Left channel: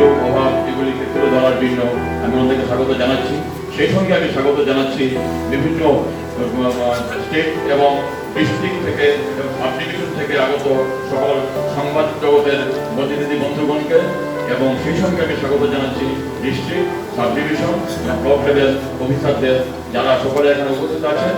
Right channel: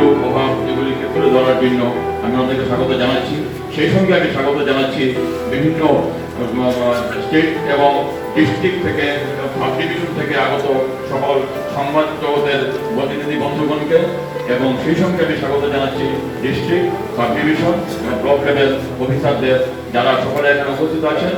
সুযোগ অভাব এগুলিকে তুলে ধরার জন্য আমি ওনাদেরকে স্বাগত জানাচ্ছি। সেই সঙ্গে আমি স্বাগত জানাচ্ছি বিভিন্ন স্টেট এবং ডিস্ট্রিক্ট থেকে সাব ডিভিশন থেকে আগত সকল সংবাদ জগতের প্রতিনিধি বন্ধুগণকে, এবং সেই সঙ্গে আমি স্বাগত জানাচ্ছি ডিস্ট্রিক্ট, সাব ডিভিশন এবং ব্লক লেভেল অফিসারদের, যারা সকলে এখানে উপস্থিত আছেন।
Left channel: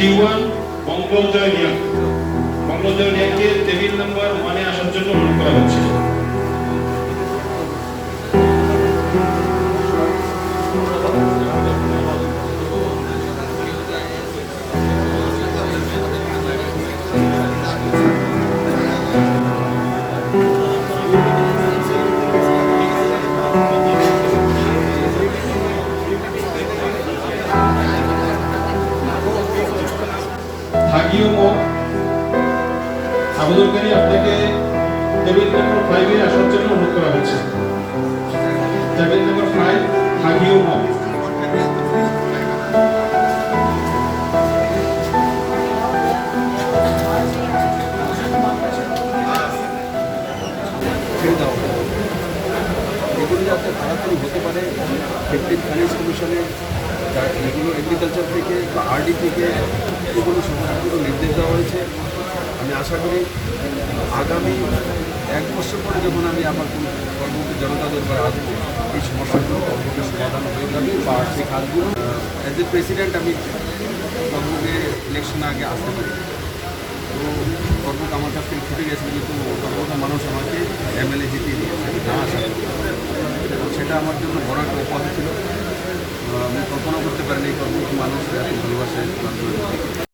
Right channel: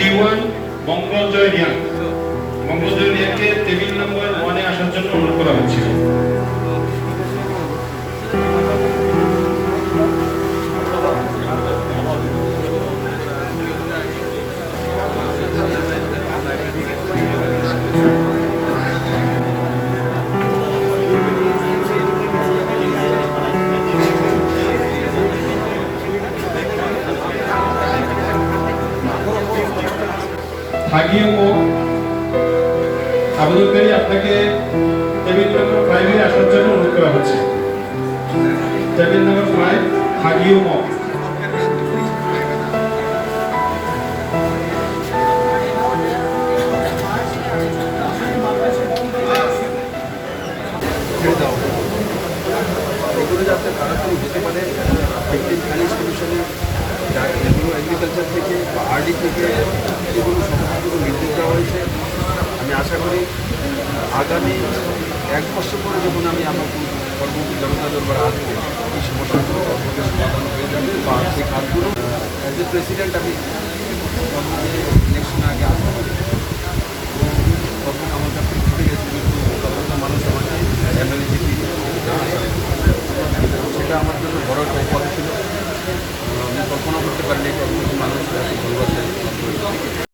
T1 মঙ্গলজয় রিয়া, মঙ্গলজয় রিয়াকে টেবিল নাম্বার 1 এ আসার জন্য অনুরোধ করা হচ্ছে। আবেদনকারী আপনাকে টেবিল নাম্বার 5 এ আসার জন্য অনুরোধ করা হচ্ছে। টেবিল নাম্বার 5 হাগিও মক। এগুলো যাতে তাড়াতাড়ি হতে পারে, ভিক্টিম ফাইন্যান্স কমিশনে যেগুলো এগ্রিকালচার থেকে বা আরডি থেকে এগুলো সমস্তগুলো নির্দেশ দেওয়া হয়েছে। আমি আশা করি আগামী 1 বছর পরে যখন আমি আমার কর্মমুখী জনতা দরবারে আসবো, এই সমস্যাগুলো কর্মকে সমাধান হয়ে যাবে বা সেই কাজগুলো অ্যাজ এ প্রেসিডেন্ট আমি কর্মকে ইলেকশন আগে আসতে পারি। তো কর্মকে আমার কাছ থেকে ছুটে গেছে, কিন্তু কর্মটা মানুষ আমাকে এমএলএ জিতিয়ে দিয়েছে না আসা, সেটা আমার জন্য বড় একটা উপাধি ছিল। আমি কল্পনা করতে পারিনি কর্মকে মানুষ এত ভালোবাসে।